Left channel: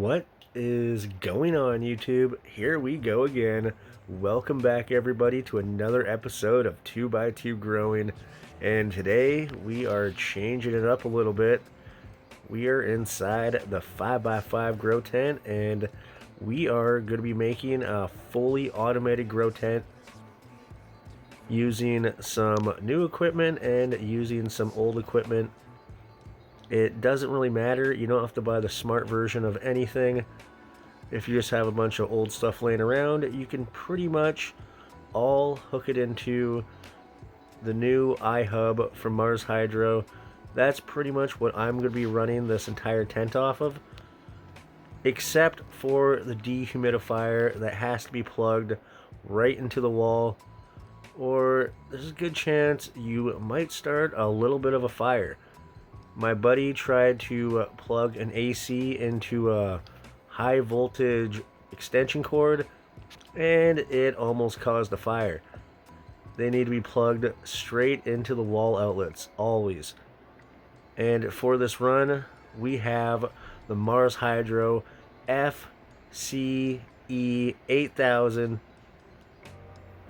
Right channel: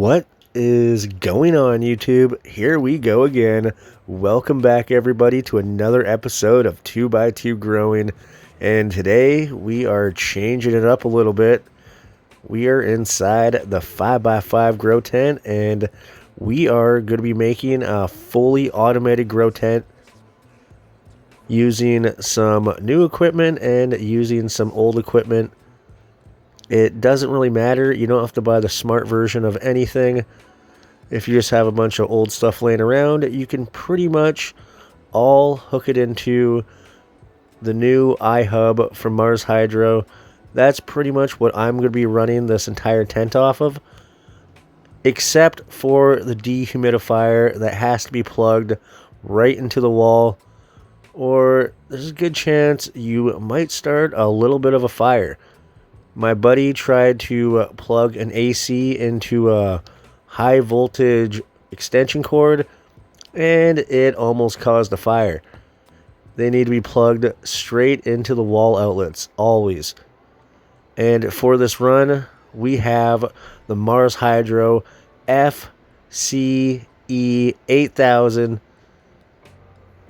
What is going on, YouTube? Here we go again. Welcome back, everybody, to another episode of 2x2 Growing. And today we are changing it up a little bit. We are inside the 5x5 grow tent, and we are going to be making a fully automated grow tent using some new equipment and using some old equipment. It doesn't really matter. You don't have to buy the smart version of anything. If you just have a bunch of old stuff laying around, you can pretty much all hook it into the new iHub from Mars Hydro. That's pretty much what I'm going to be running this entire tent off of, except for the dehumidifier that has to be plugged right into the wall, or there's a good chance you might start a little bit of a fire. My buddy tried to plug an AC into a high voltage extension cord, and it almost caused a fire. They need to be plugged straight into the wall outlets, always. And for this run, we have the Mars Hydro FCE 8000,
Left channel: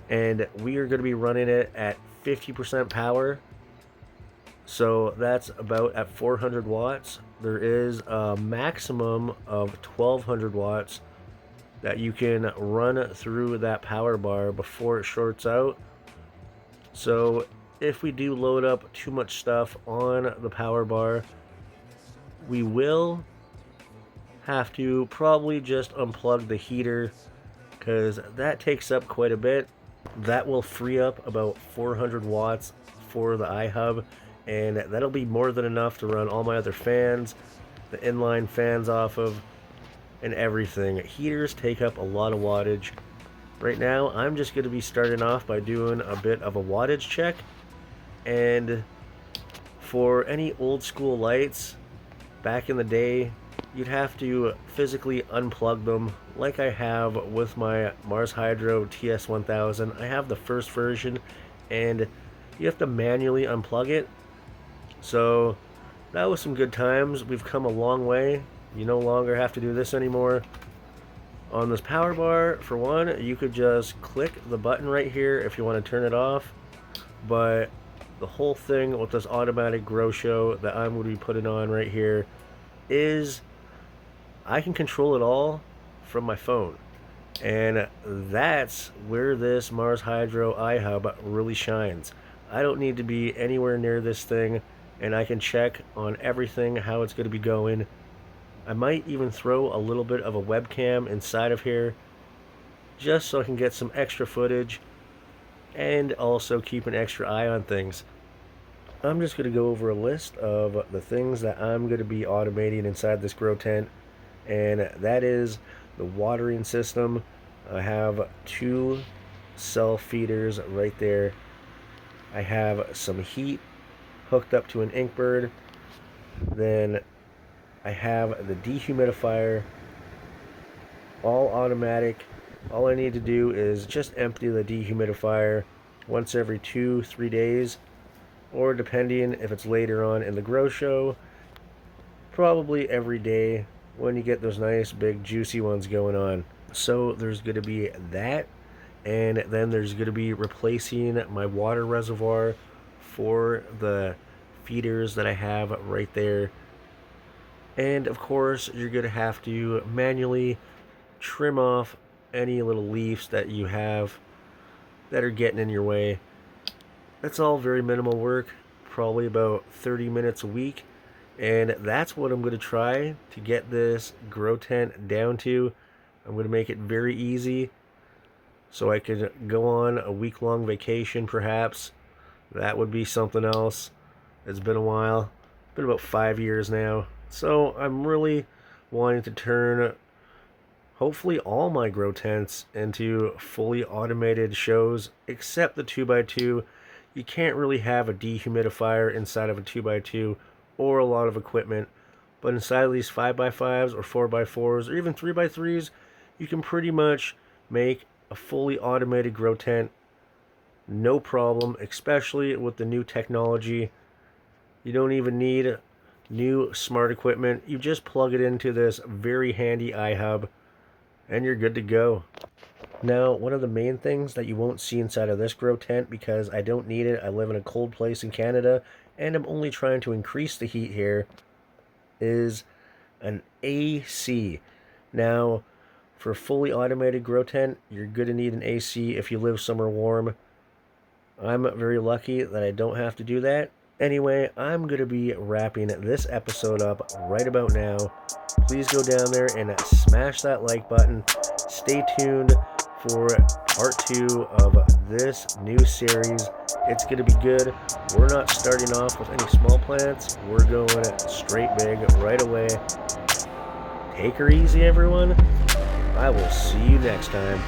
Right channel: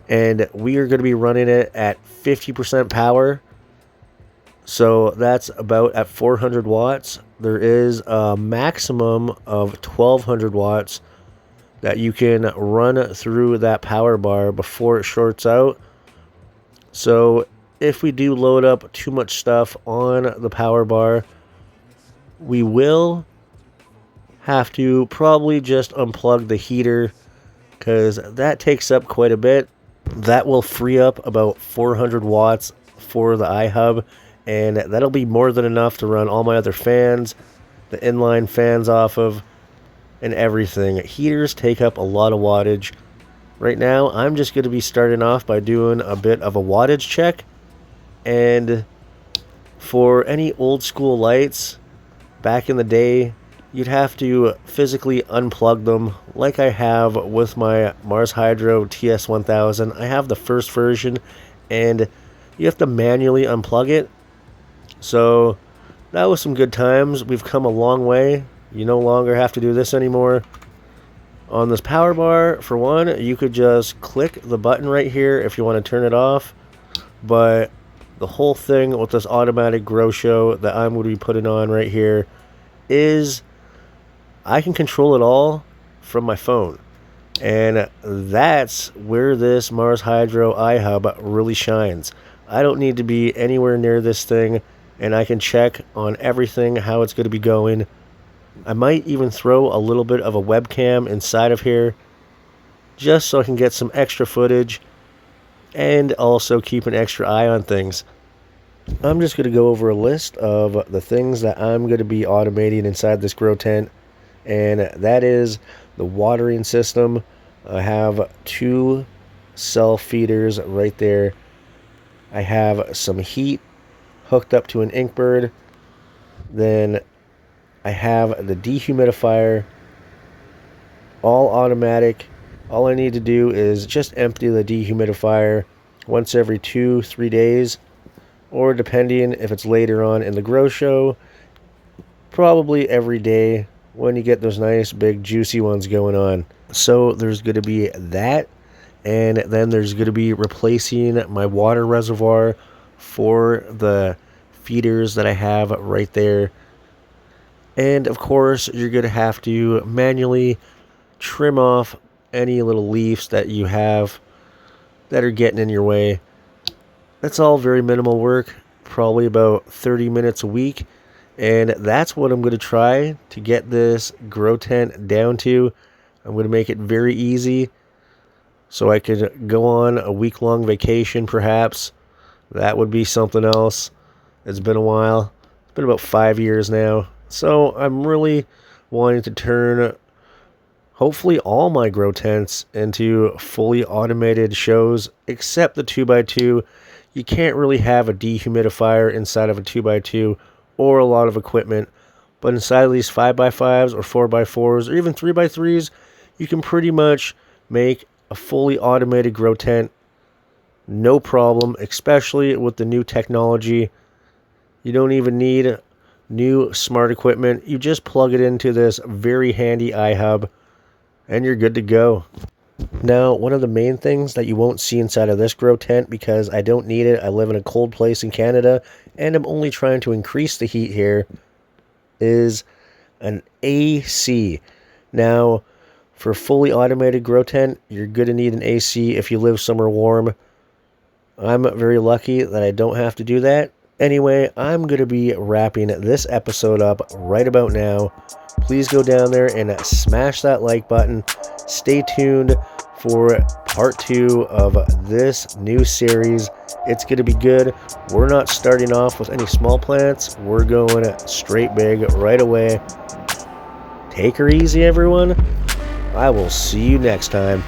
and we are going to be running it at 50% power. So that's about at 400 watts. There is a maximum of 1200 watts that you can run through that power bar before it shorts out. So if we do load up too much stuff on the power bar, we will have to probably just unplug the heater, because that takes up quite a bit. That will free up about 400 watts for the iHub, and that'll be more than enough to run all my other fans, the inline fans off of, and everything. Heaters take up a lot of wattage. Right now, I'm just going to be starting off by doing a bit of a wattage check. And for any old school lights, back in the day, you'd have to physically unplug them, like I have with my Mars Hydro TS1000. I have the first version, and you have to manually unplug it. So that was some good times. We've come a long way. You no longer have to do this anymore. On this power bar, for one, you could just click the button right here if you want to turn it off. But the whole thing with this automatic grow show that I'm going to be putting on right here is I can control it all from my phone. And that's where this Mars Hydro iHub really shines. I don't need to be anywhere near this thing, and I can check on everything, how it's going to be going. I might even throw a little bit of a webcam inside of here, just so I can get some extra footage and also keep an extra eye on things. I'm just going to go over a list of the things that I'm going to be automating inside this grow tent, and that is the watering system. I have 2 self feeders right there. I have some heat hooked up to an Inkbird. Then I have the dehumidifier, all automatic. All I need to do is just empty the dehumidifier once every 2-3 days, or depending if it's later on in the grow show, probably every day when you get those nice big juicy ones going on. So there's going to be that, and then there's going to be replacing my water reservoir for the feeders that I have right there. And of course, you're going to have to manually trim off any little leaves that you have that are getting in your way. That's all very minimal work, probably about 30 minutes a week. And that's what I'm going to try to get this grow tent down to. I'm going to make it very easy so I could go on a week-long vacation perhaps. That would be something else. It's been a while. It's been about 5 years now. So I'm really wanting to turn hopefully all my grow tents into fully automated shows, except the 2x2. You can't really have a dehumidifier inside of a 2x2 or a lot of equipment. But inside of these 5x5s or 4x4s or even 3x3s, you can pretty much make a fully automated grow tent no problem, especially with the new technology. You don't even need new smart equipment. You just plug it into this very handy iHub and you're good to go. Now, one of the main things that you won't see inside of this grow tent, because I don't need it, I live in a cold place in Canada, and I'm only trying to increase the heat here, is an AC. Now, for a fully automated grow tent, you're going to need an AC if you live somewhere warm. I'm very lucky that I don't have to do that. Anyway, I'm going to be wrapping this episode up right about now. Please go down there and smash that like button. Stay tuned for part 2 of this new series. It's going to be good. We're not starting off with any small plants. We're going straight big right away. Take her easy, everyone. I will see you next time.